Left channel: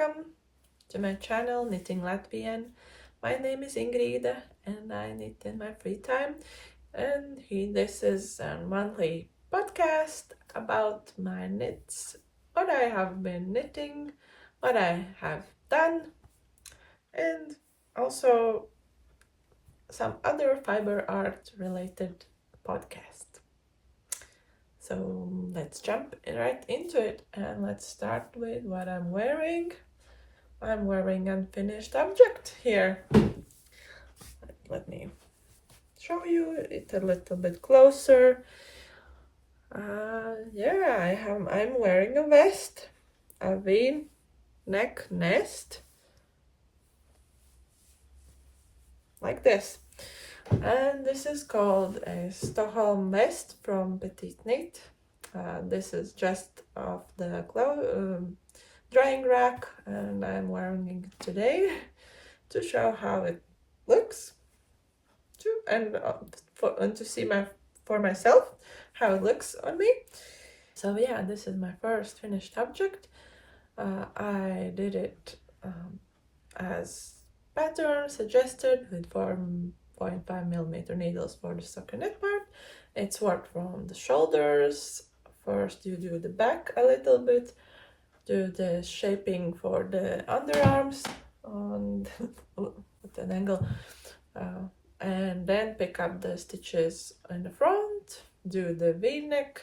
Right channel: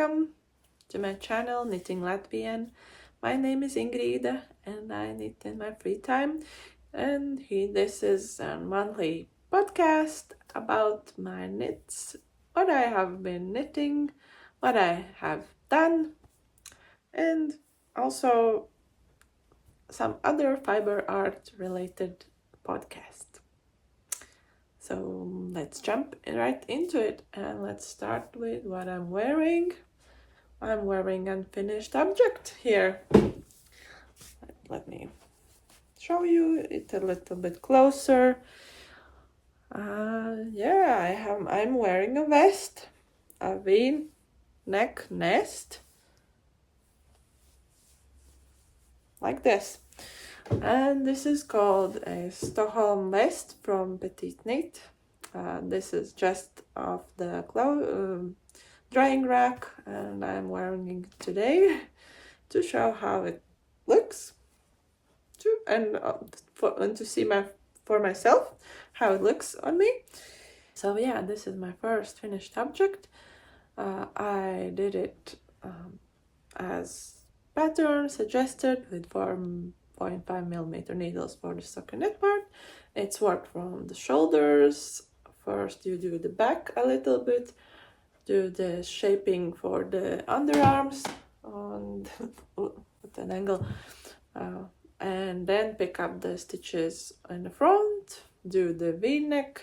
welcome to my channel Knitting Latvian. My name is Ingrid and I knit in my free time, and this is a monthly podcast about my knits, what I have been knitting, what I have done, and also some other fiber art related podcast. So let's jump right into it and let's start with what I'm wearing. I'm wearing unfinished object here. Let me show you it a little bit closer. I'm wearing a vest, a V-neck nest, like this. And this is called a Stocholm vest from Petiteknit. This is just off the drying rack, and I'm wearing it today to show how it looks, and to see for myself how it looks on me. So yeah, this is my first finished object. I did it as pattern suggested with 4.5mm needles for the stockinette part. It's worked from the shoulders. First you do the back a little bit, do the shaping for the underarms with an angle, and then pick up the stitches in the front, do the V-neck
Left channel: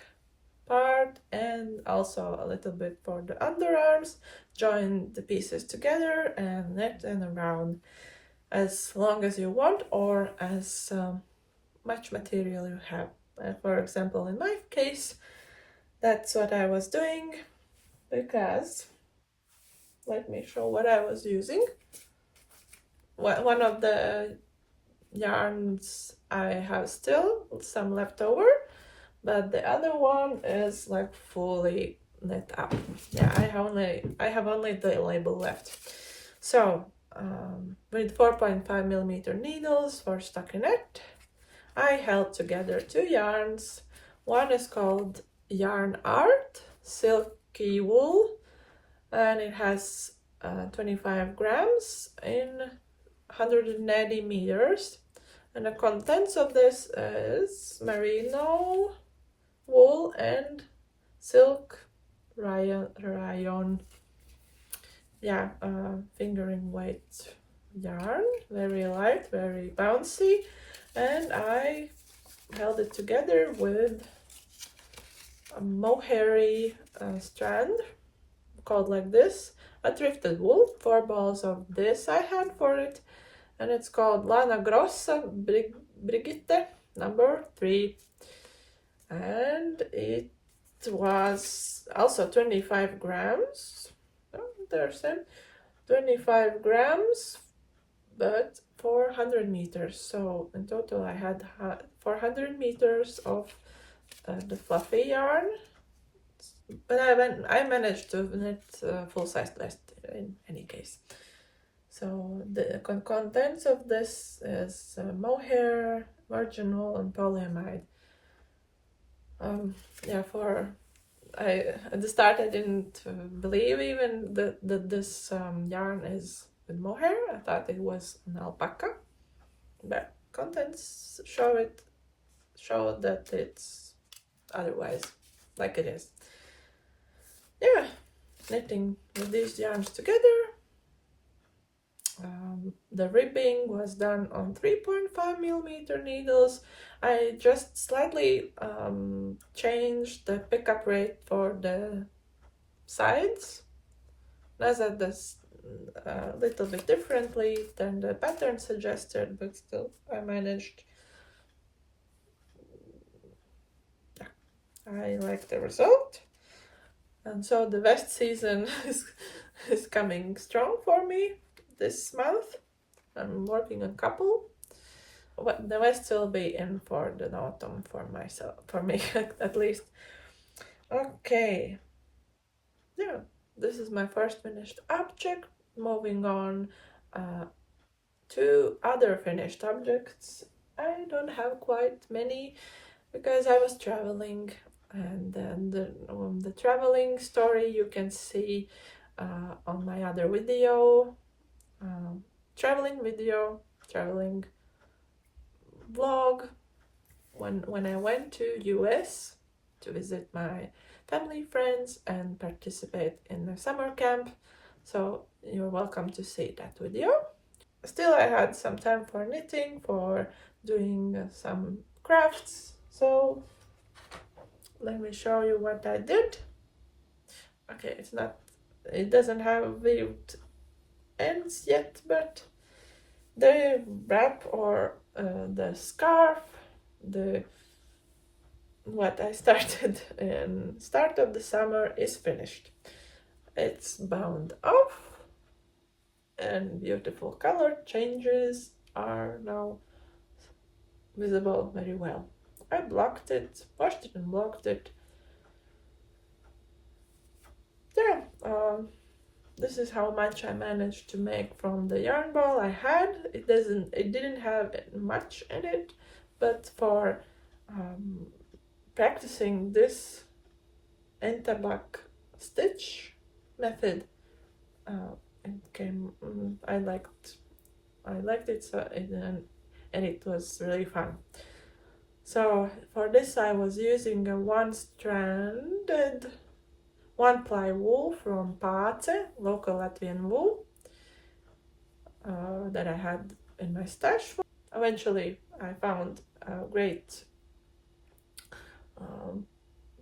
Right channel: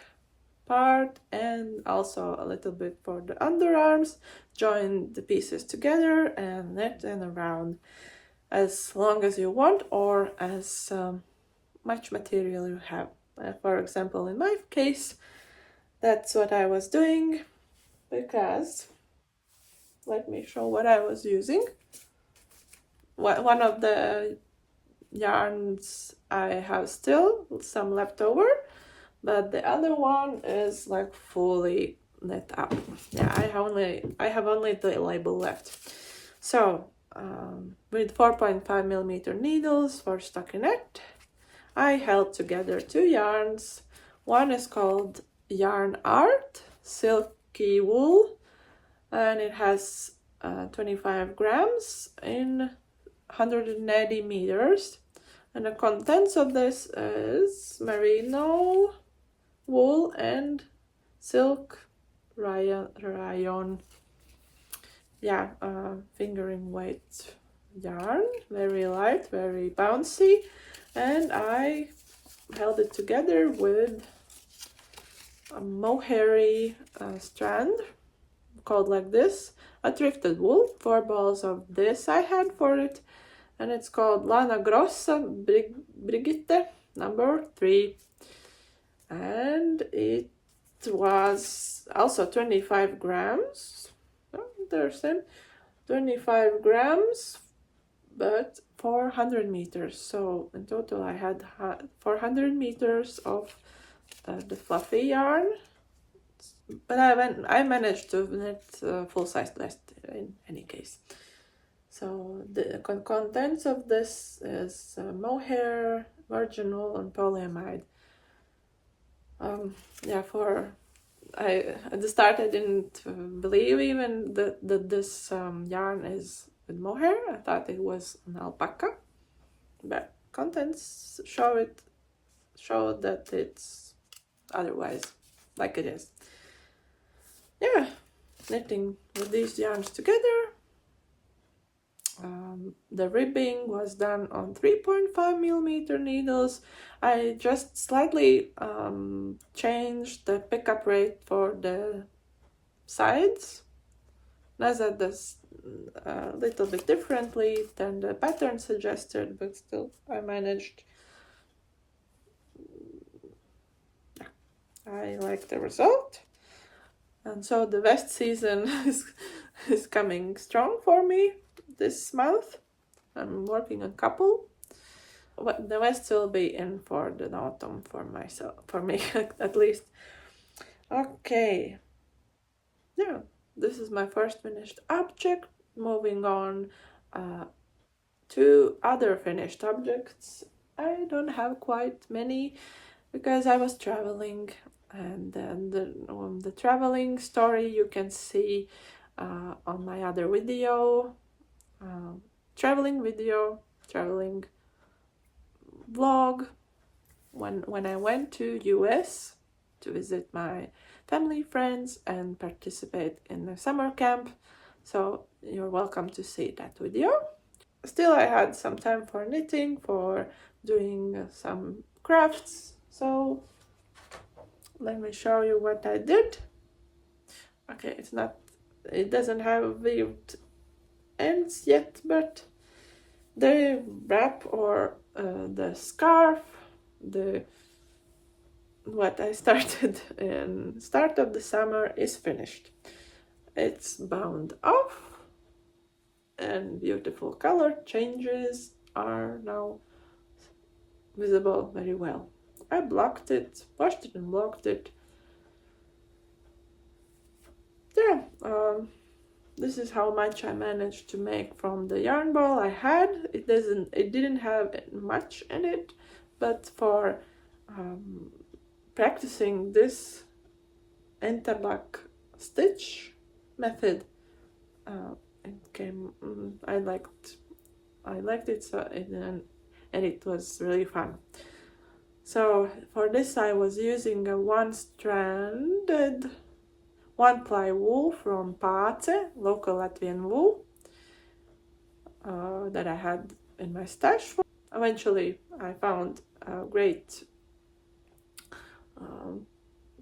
part and also a little bit for the underarms, join the pieces together and knit and around as long as you want or as much material you have. For example, in my case, that's what I was doing, because let me show what I was using. One of the yarns I have still some left over, but the other one is like fully knit up. Yeah, I have only the label left. So with 4.5mm needles for stockinette, I held together two yarns. One is called Yarn Art Silky Wool, and it has 25 grams in 180 meters, and the contents of this is merino wool and silk rayon. Yeah, fingering weight yarn, very light, very bouncy, and I held it together with a mohair strand called like this, a thrifted wool. 4 balls of this I had for it, and it's called Lana Grossa Brigitte number 3, and it was also 25 grams. There's 25 grams, but 400 meters. So in total I had 400 meters of the fluffy yarn, but I managed to knit full-size vest in any case. So the contents of this is mohair, virgin wool, and polyamide. At the start I didn't believe even that this yarn is with mohair. I thought it was an alpaca, but contents show that it's otherwise, like it is. Yeah, knitting with these yarns together. The ribbing was done on 3.5mm needles. I just slightly changed the pickup rate for the sides. Measured this a little bit differently than the pattern suggested, but still I managed. I like the result. And so the vest season is coming strong for me this month. I'm working a couple. The vest will be in for the autumn for me at least. Okay. Yeah, this is my first finished object. Moving on to other finished objects. I don't have quite many because I was traveling, and then the traveling story you can see on my other video, traveling vlog, when I went to US to visit my family, friends, and participate in the summer camp. So you're welcome to see that video. Still, I had some time for knitting, for doing some crafts. So let me show you what I did. Okay, it doesn't have weaved ends yet, but the wrap or the scarf, what I started in start of the summer is finished. It's bound off and beautiful color changes are now visible very well. I blocked it, washed it and blocked it. Yeah, this is how much I managed to make from the yarn ball I had. It didn't have much in it, but for practicing this interlock stitch method, it came. I liked it, so and it was really fun. So for this I was using a one-stranded one-ply wool from Pace, local Latvian wool, that I had in my stash. Eventually I found a great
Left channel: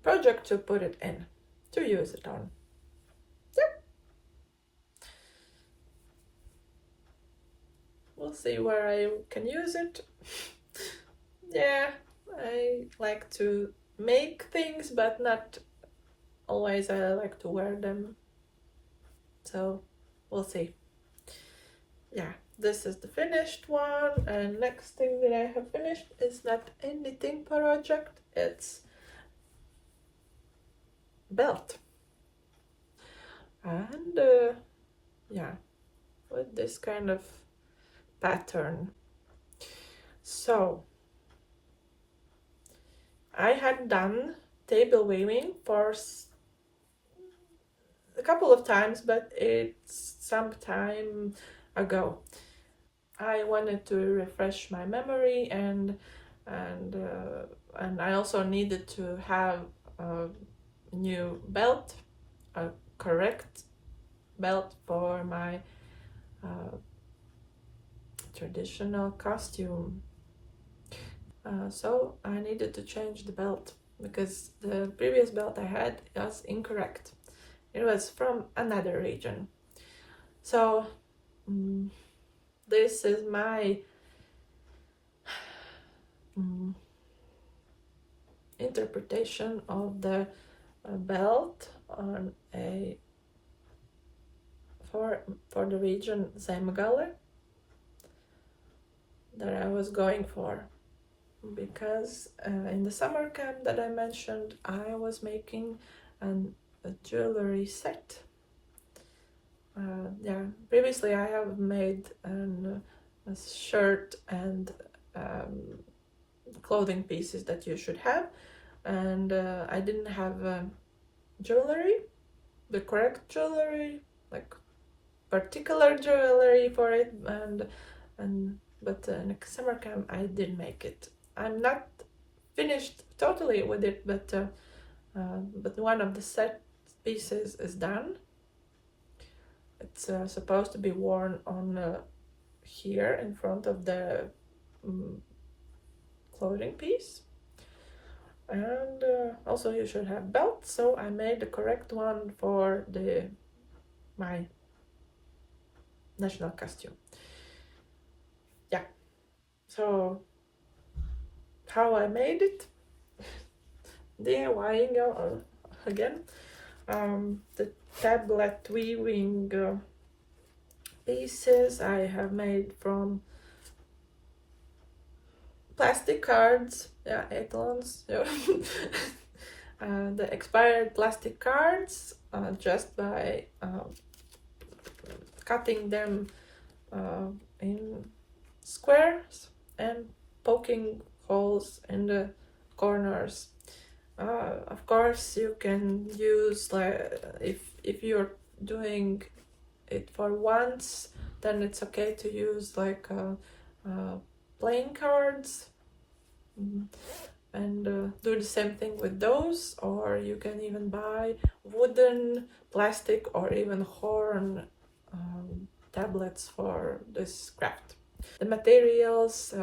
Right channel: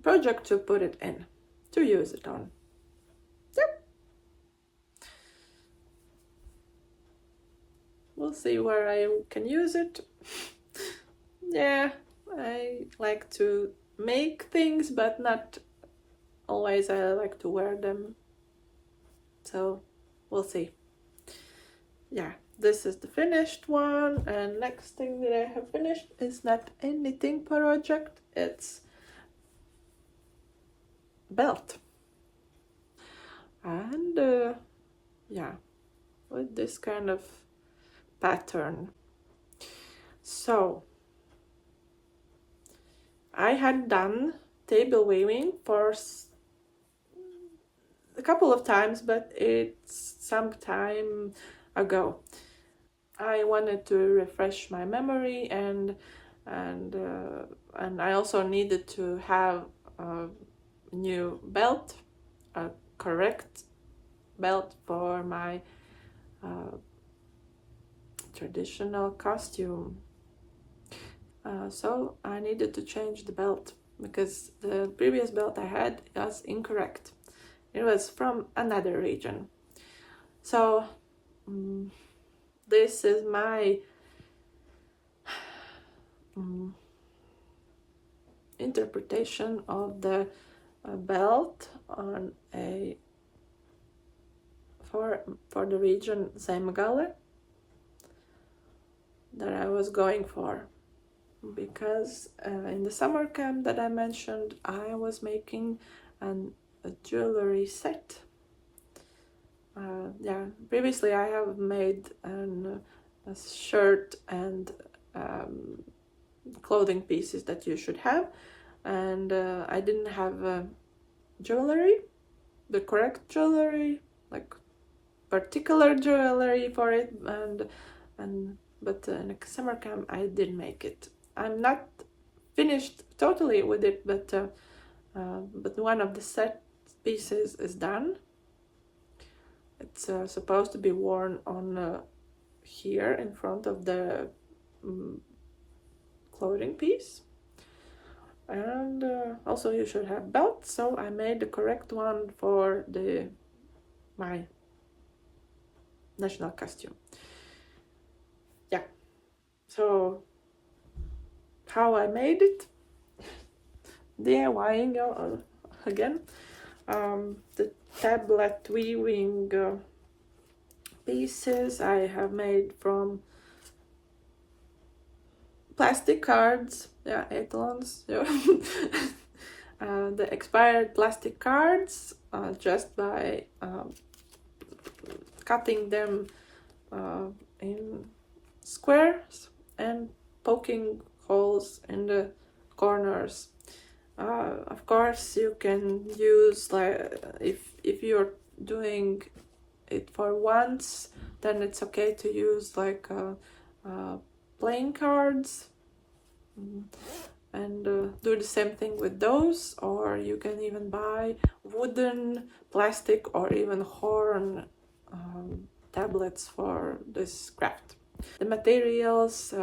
project to put it in, to use it on. Yep. We'll see where I can use it. Yeah, I like to make things, but not always I like to wear them. So we'll see. Yeah, this is the finished one, and next thing that I have finished is not a knitting project, it's belt. And yeah, with this kind of pattern. So I had done table weaving for a couple of times, but it's some time ago. I wanted to refresh my memory, and I also needed to have a new belt, a correct belt for my traditional costume. So I needed to change the belt because the previous belt I had was incorrect. It was from another region. So this is my interpretation of the belt on for the region Zemgale that I was going for, because in the summer camp that I mentioned, I was making a jewelry set. Yeah, previously I have made a shirt and clothing pieces that you should have, and I didn't have jewelry, the correct jewelry, like particular jewelry for it, but in a summer camp I did make it. I'm not finished totally with it, but one of the set pieces is done. It's supposed to be worn on here in front of the clothing piece, and also you should have belts, so I made the correct one for my national costume. Yeah, so how I made it, DIYing again. The tablet weaving pieces I have made from plastic cards, yeah, etalons, yeah. The expired plastic cards, just by cutting them in squares and poking holes in the corners. Of course, you can use, like, if you're doing it for once, then it's okay to use like playing cards and do the same thing with those, or you can even buy wooden, plastic, or even horn tablets for this craft. The materials,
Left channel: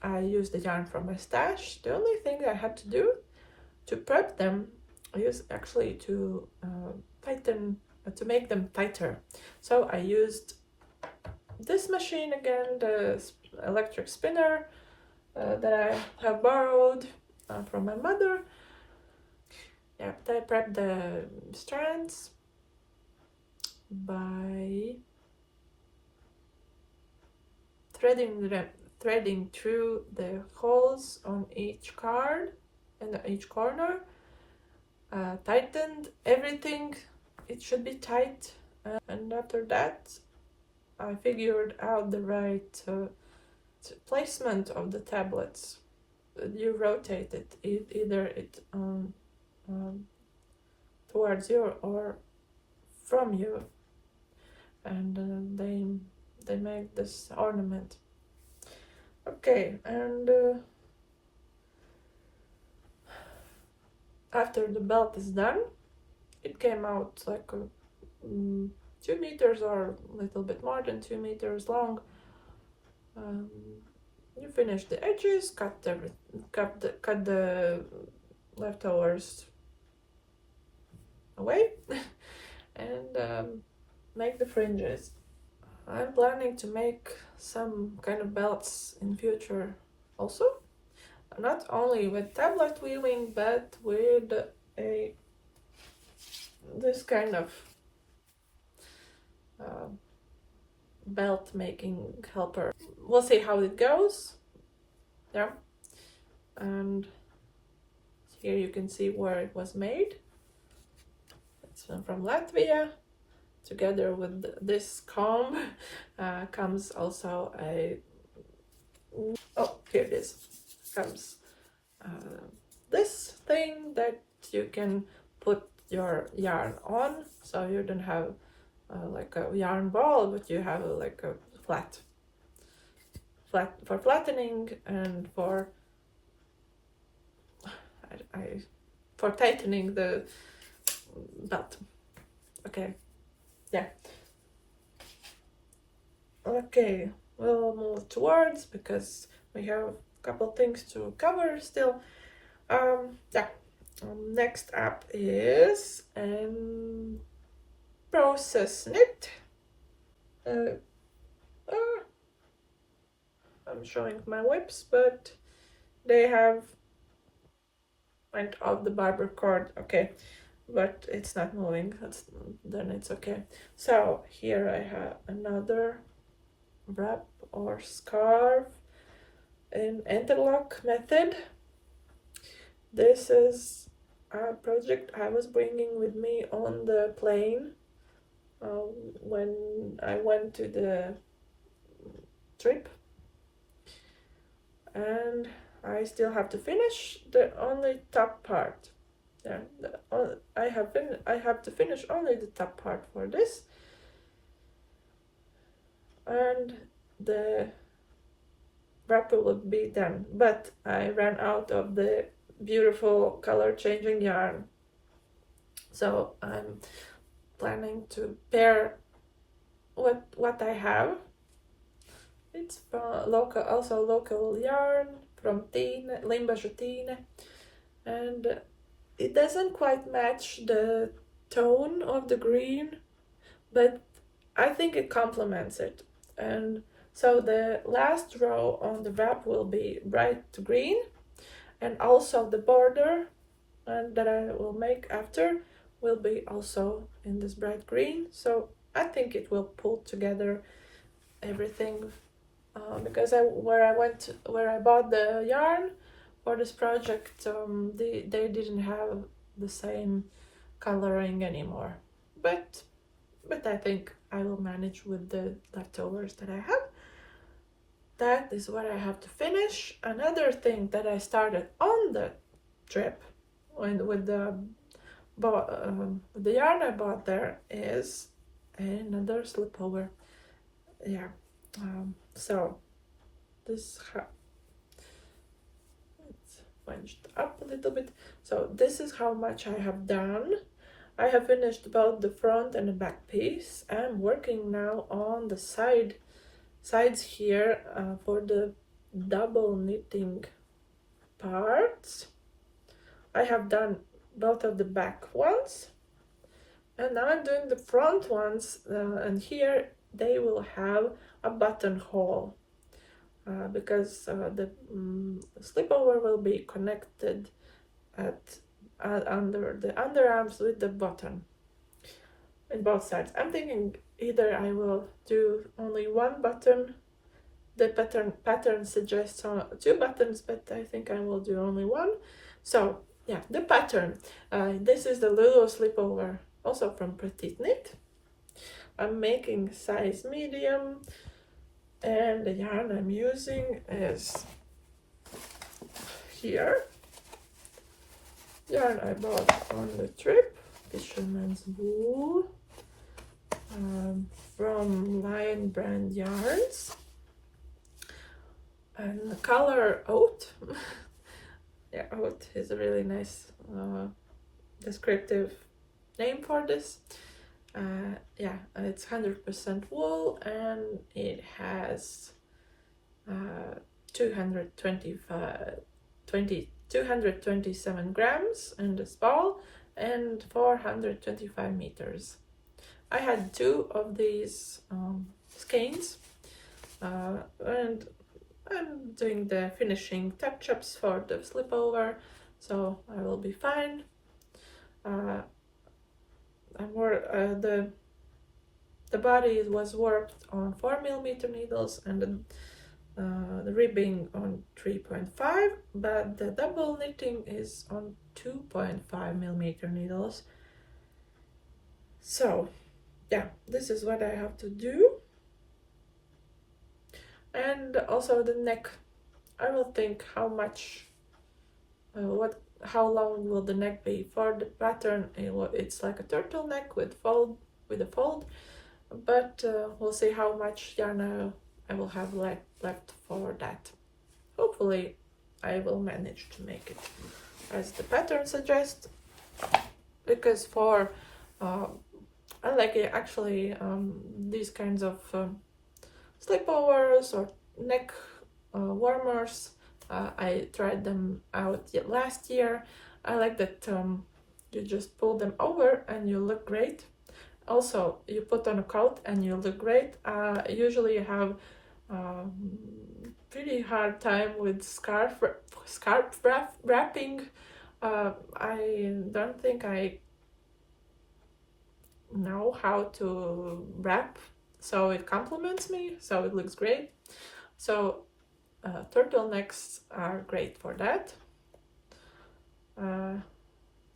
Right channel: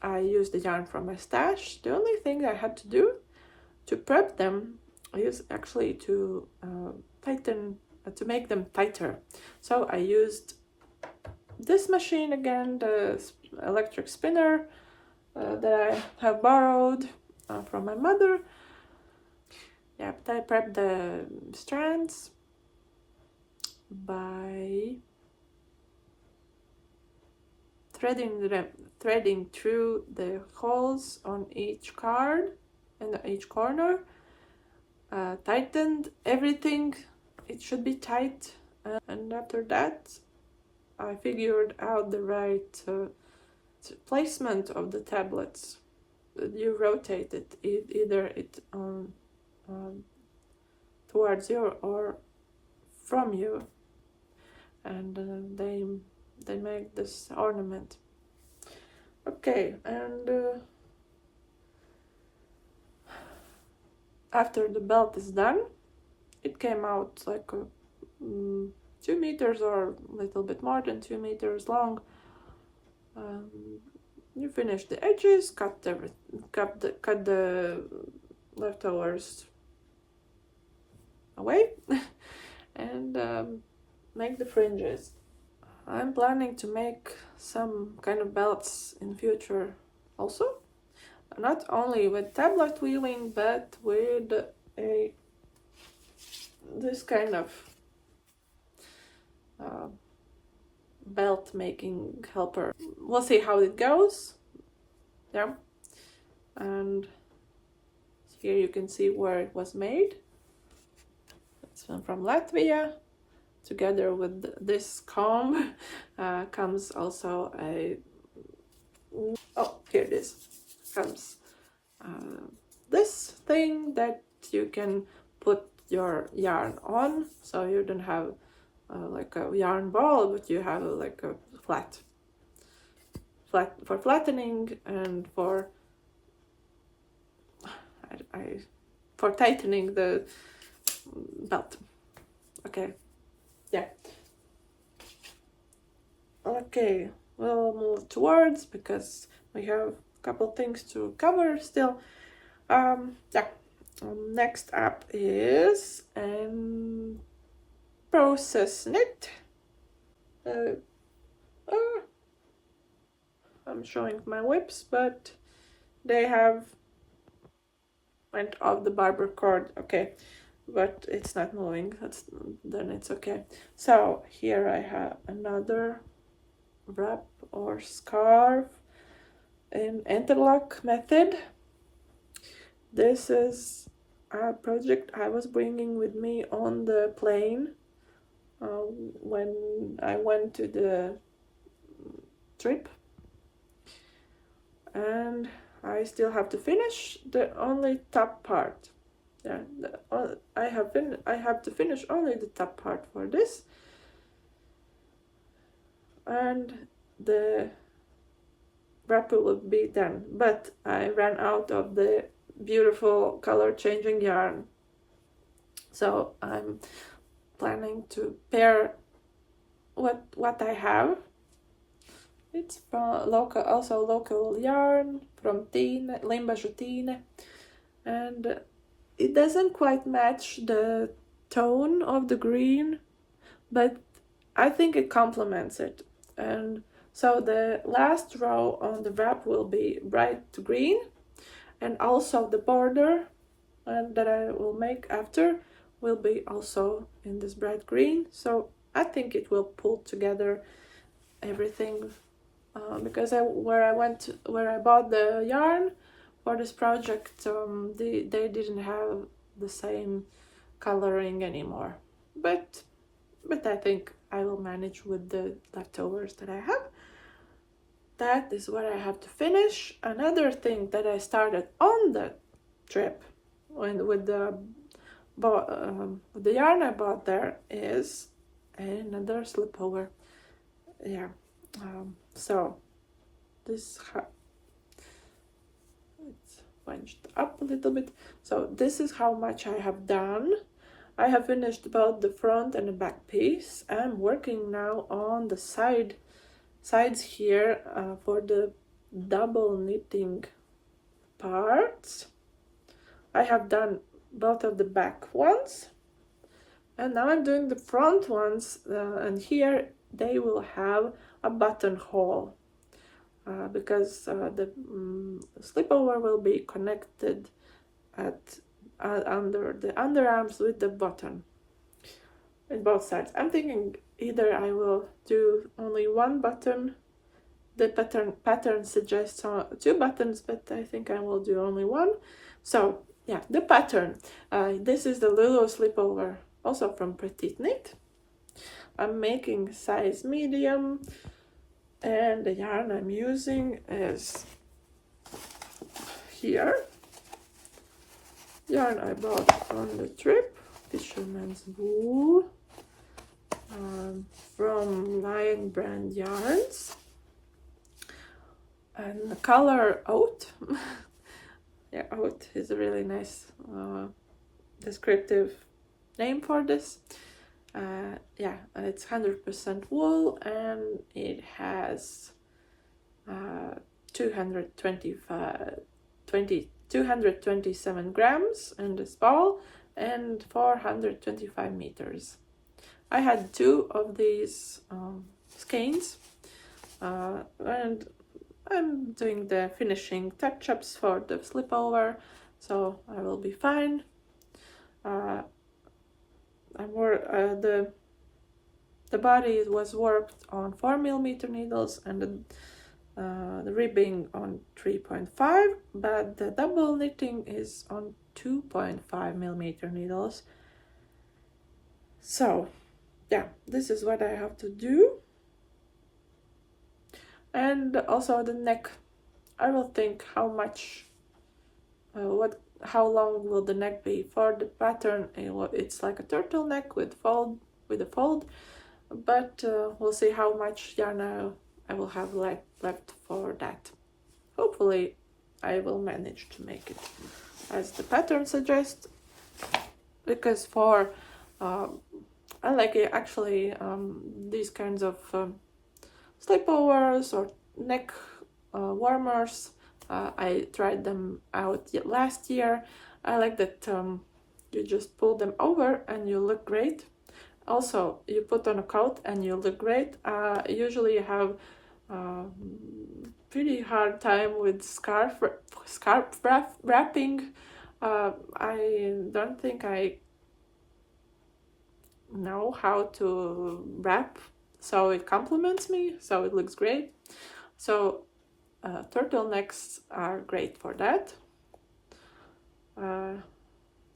I used the yarn from my stash. The only thing I had to do to prep them is actually to to make them tighter. So I used this machine again, the electric spinner that I have borrowed from my mother. Yeah, but I prepped the strands by threading through the holes on each card and each corner. Tightened everything, it should be tight, and after that I figured out the right placement of the tablets. You rotate it, either it towards you or from you, and they make this ornament. Okay, and after the belt is done, it came out like 2 meters or a little bit more than 2 meters long. You finish the edges, cut the leftovers away, and make the fringes. I'm planning to make some kind of belts in future also, not only with tablet weaving, but with this kind of belt making helper. We'll see how it goes. Yeah, and here you can see where it was made. It's from Latvia. Together with this comb comes also a, oh, here it is, comes this thing that you can put your yarn on, so you don't have like a yarn ball, but you have like a flat for flattening and for for tightening the belt. Okay, yeah. Okay, we'll move towards, because we have a couple things to cover still. Yeah. Next up is Petiteknit. I'm showing my whips, but they have went off the barber cord. Okay, but it's not moving. Then it's okay. So here I have another wrap or scarf in interlock method. This is a project I was bringing with me on the plane when I went to the trip, and I still have to finish the only top part. Yeah, I have to finish only the top part for this, and the wrapper will be done. But I ran out of the beautiful color changing yarn, so I'm planning to pair what I have. It's from local yarn from Limba, and it doesn't quite match the tone of the green, but I think it complements it. And so the last row on the wrap will be bright green, and also the border that I will make after will be also in this bright green. So I think it will pull together everything, because where I bought the yarn for this project, they didn't have the same coloring anymore, but I think I will manage with the leftovers that I have. That is what I have to finish. Another thing that I started on the trip with the the yarn I bought there is another slipover. Yeah, so this it's bunched up a little bit. So this is how much I have done. I have finished both the front and the back piece. I'm working now on the sides here for the double knitting parts. I have done both of the back ones, and now I'm doing the front ones, and here they will have a buttonhole because the slipover will be connected at under the underarms with the button in both sides. I'm thinking either I will do only one button. The pattern suggests 2 buttons, but I think I will do only one. So yeah, the pattern. This is the Lulu slipover, also from Petiteknit. I'm making size medium, and the yarn I'm using is here. Yarn I bought on the trip, Fisherman's Wool, from Lion Brand Yarns, and the color Oat. Yeah, Oat is a really nice descriptive name for this. Yeah, it's 100% wool, and it has 227 grams in this ball and 425 meters. I had 2 of these skeins, and I'm doing the finishing touch-ups for the slipover, so I will be fine. The body was worked on 4mm needles, and the ribbing on 3.5, but the double knitting is on 2.5mm needles. So yeah, this is what I have to do. And also the neck, I will think how much, how long will the neck be. For the pattern, it's like a turtleneck with a fold, but we'll see how much yarn I will have left for that. Hopefully I will manage to make it as the pattern suggests, because for I like it actually, these kinds of slipovers or neck warmers. I tried them out last year. I like that you just pull them over and you look great. Also, you put on a coat and you look great. Usually you have pretty hard time with scarf wrapping. I don't think I know how to wrap, so it complements me, so it looks great. So turtlenecks are great for that.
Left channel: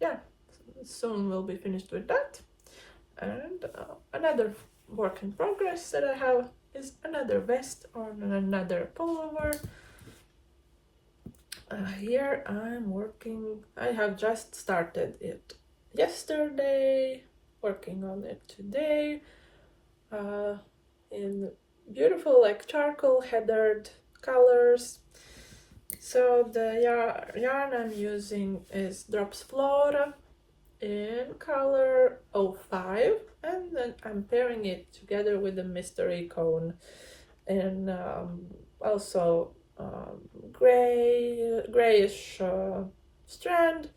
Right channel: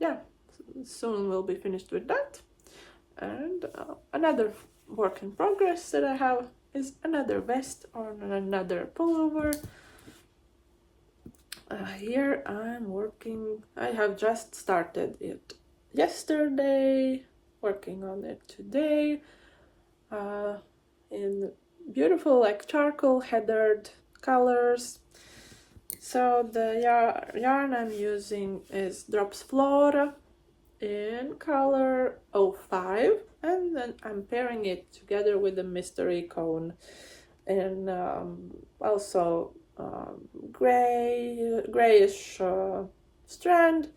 Yeah, soon we'll be finished with that. And another work in progress that I have is another vest on another pullover. Here I'm working, I have just started it yesterday, working on it today, in beautiful like charcoal heathered colors. So the yarn I'm using is Drops Flora in color 05, and then I'm pairing it together with the Mystery Cone and also grayish strand,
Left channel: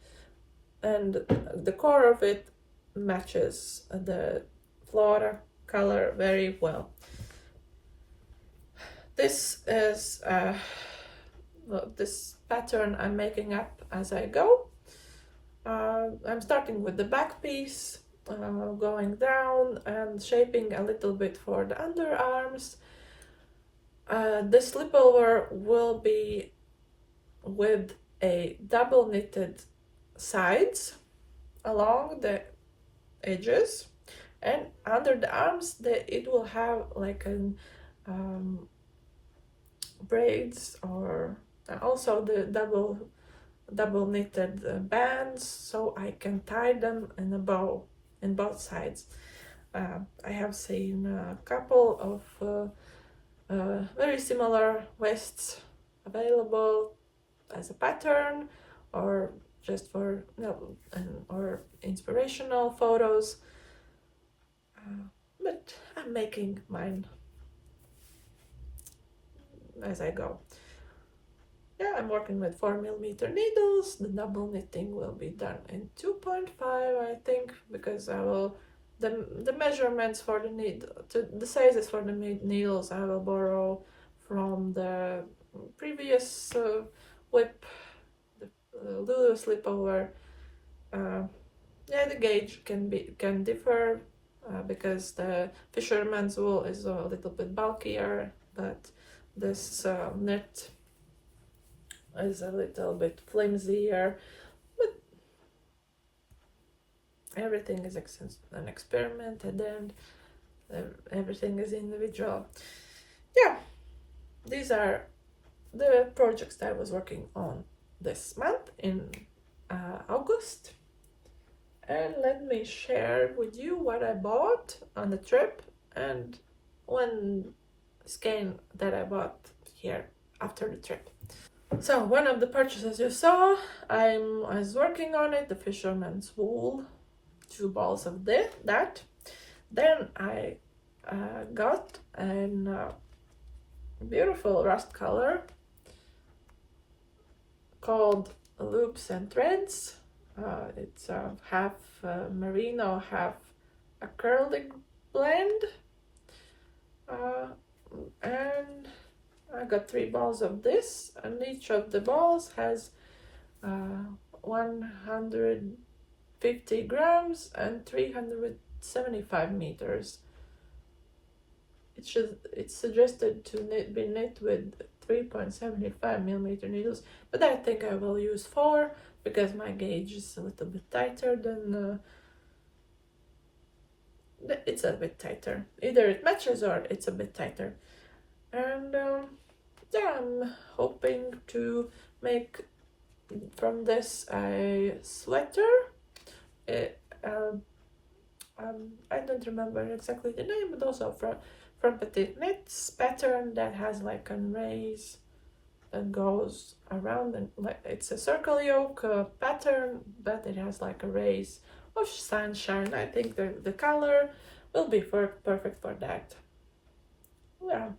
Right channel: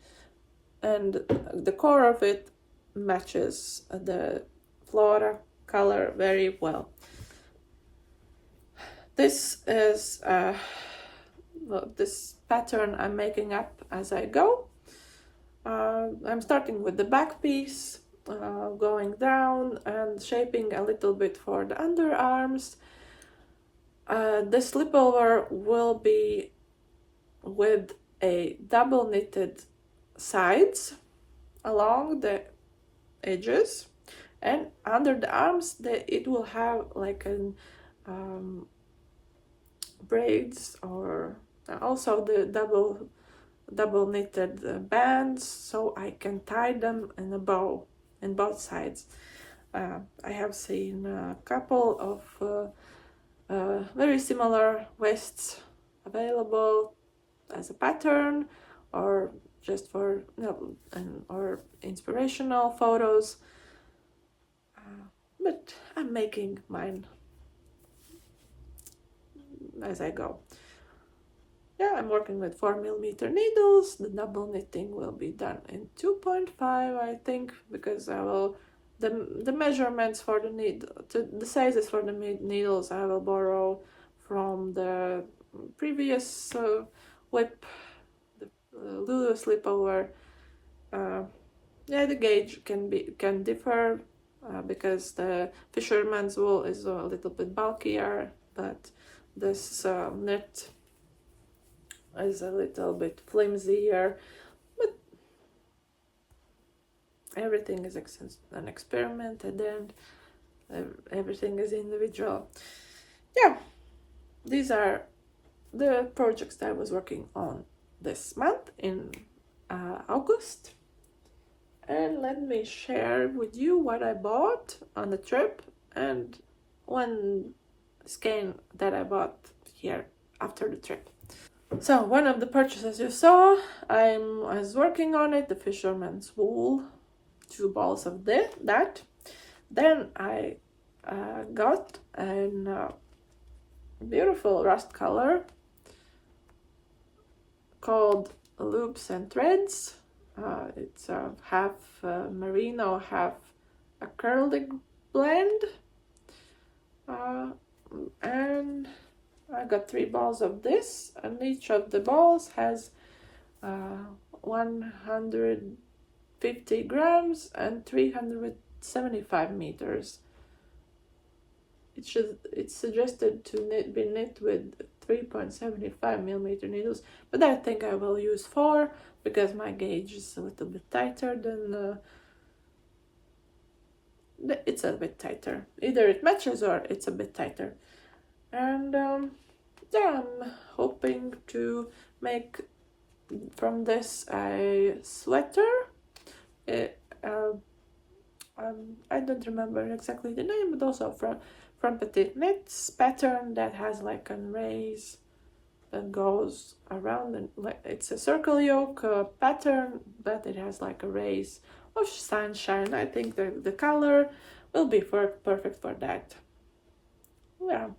and the core of it matches the Flora color very well. This is this pattern I'm making up as I go. I'm starting with the back piece, going down and shaping a little bit for the underarms. The slipover will be with a double knitted sides along the edges, and under the arms it will have like an braids, or also the double double knitted bands so I can tie them in a bow in both sides. I have seen a couple of very similar vests available as a pattern or just for or inspirational photos, but I'm making mine as I go. Yeah, I'm working with 4mm needles. The double knitting will be done in 2.5, I think, because I will the measurements for the the sizes for the needles I will borrow from the previous whip, the Lulu Slipover. Yeah, the gauge can differ because the fisherman's wool is a little bit bulkier, but this knit is a little bit flimsier, but everything is an experiment at the end. Everything is individual. Yeah, these are the projects that I was working on this month in August. And let me share with you what I bought on the trip and one skein that I bought here after the trip. So one of the purchases you saw, I was working on it, the fisherman's wool, 2 balls of that. Then I got a beautiful rust color called Loops and Threads. It's half merino, half acrylic blend. And I got 3 balls of this, and each of the balls has 150 grams and 375 meters. It's suggested to be knit with 3.75mm needles, but I think I will use 4 because my gauge is a little bit tighter than it's a bit tighter. Either it matches or it's a bit tighter. And yeah, I'm hoping to make from this a sweater. I don't remember exactly the name, but also from Petiteknit's pattern that has like a race that goes around, and like it's a circle yoke pattern, but it has like a race of sunshine. I think the color will be perfect for that. Yeah,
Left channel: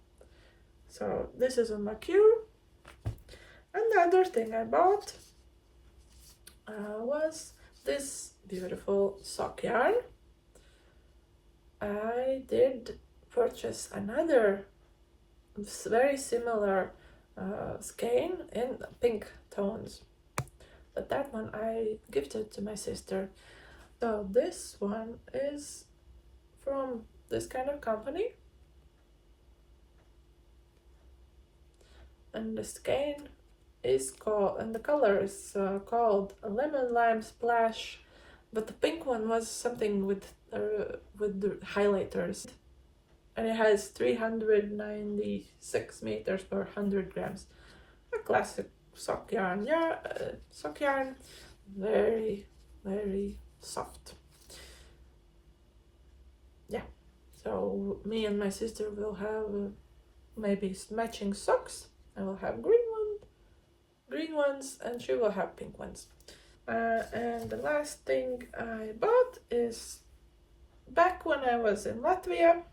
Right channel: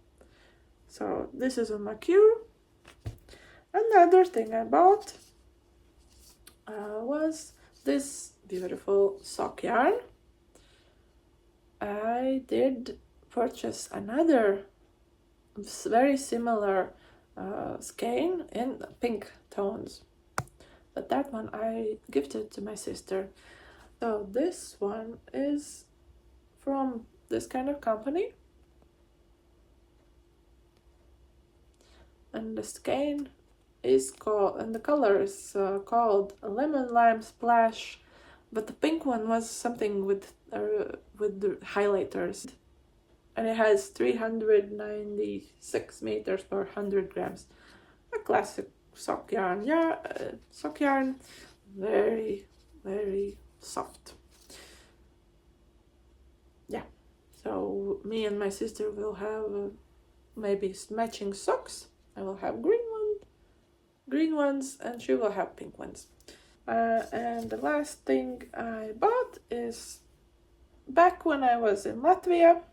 so this is on my queue. Another thing I bought was this beautiful sock yarn. I did purchase another very similar skein in pink tones, but that one I gifted to my sister. So this one is from this kind of company, and the skein is called, and the color is called Lemon Lime Splash, but the pink one was something with the highlighters, and it has 396 meters per 100 grams. A classic sock yarn. Yeah, sock yarn, very soft. Yeah, so me and my sister will have maybe matching socks. I will have green ones, and she will have pink ones. And the last thing I bought is back when I was in Latvia.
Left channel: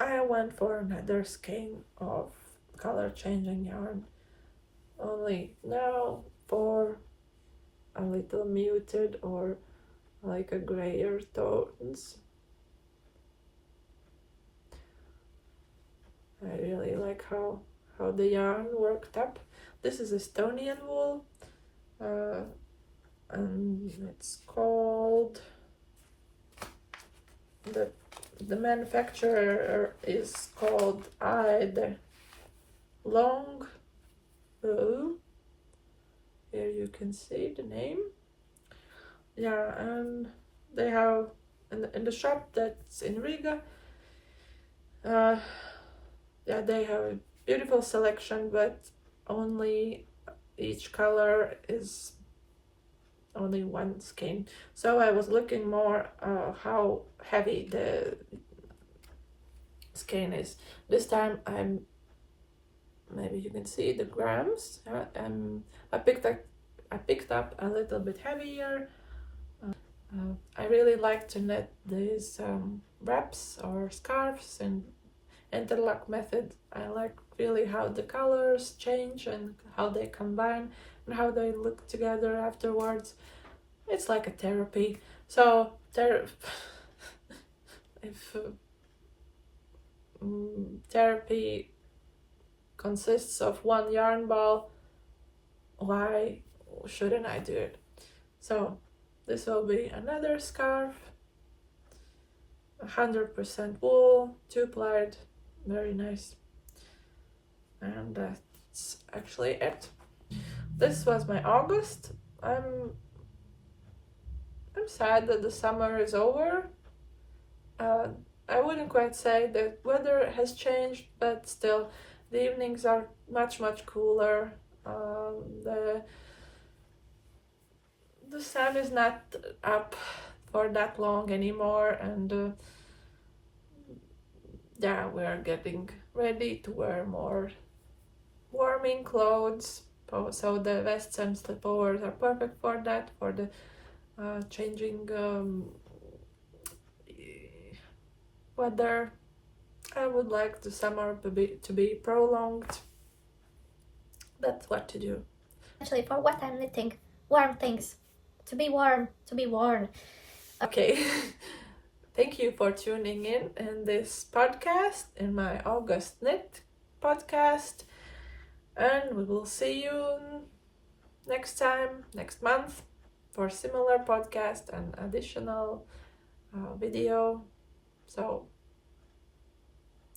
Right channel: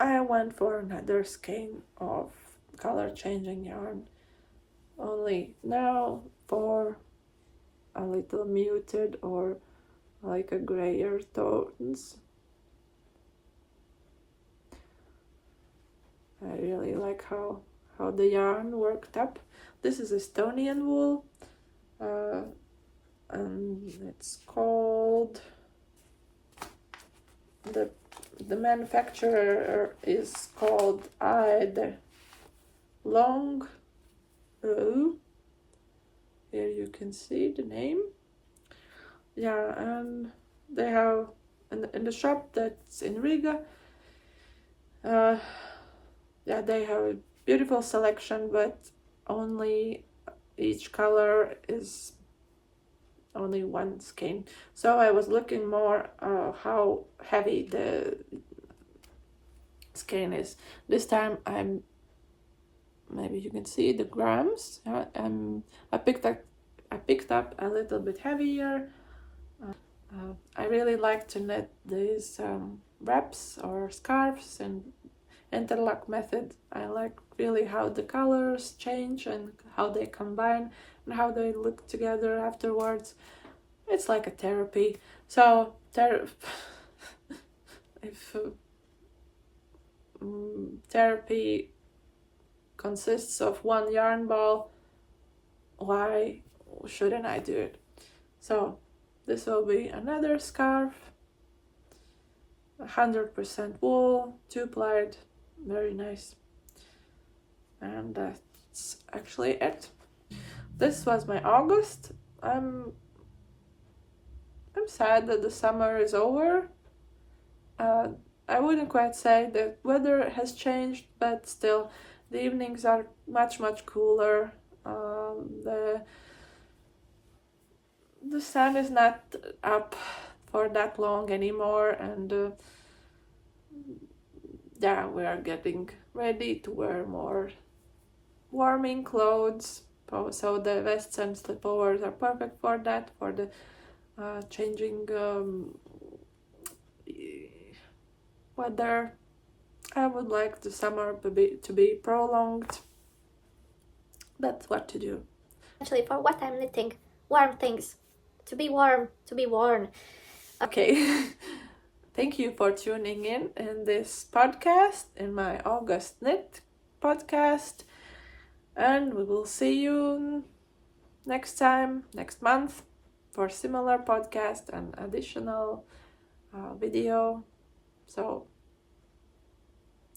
I went for another skein of color changing yarn, only now for a little muted or like a grayer tones. I really like how the yarn worked up. This is Estonian wool, and it's called, the manufacturer is called Aide Long. Here you can see the name. Yeah, and they have in the shop that's in Riga. Yeah, they have beautiful selection, but only each color is only one skein. So I was looking more how heavy the skein is. This time maybe you can see the grams. I picked up a little bit heavier. I really like to knit these wraps or scarves in interlock method. I like really how the colors change and how they combine and how they look together afterwards. It's like a therapy. So if therapy consists of one yarn ball, why shouldn't I do it? So this will be another scarf, 100% wool, 2-plied, very nice. And that's actually it. This was my August. I'm sad that the summer is over. I wouldn't quite say that weather has changed, but still the evenings are much cooler. The sun is not up for that long anymore, and yeah, we are getting ready to wear more warming clothes. So the vests and slipovers are perfect for that, for the changing weather. I would like the summer to be prolonged. That's what to do. Actually, for what I'm knitting, warm things. To be warm, to be worn. Okay. Thank you for tuning in this podcast, in my August Knit podcast. And we will see you next time, next month, for similar podcast and additional video. So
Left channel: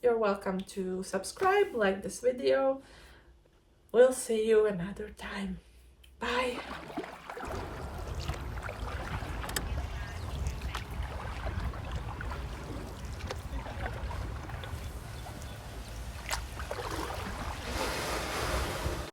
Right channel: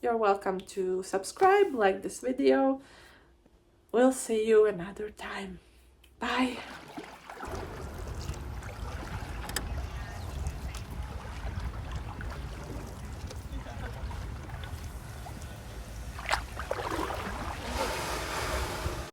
you're welcome to subscribe, like this video. We'll see you another time. Bye.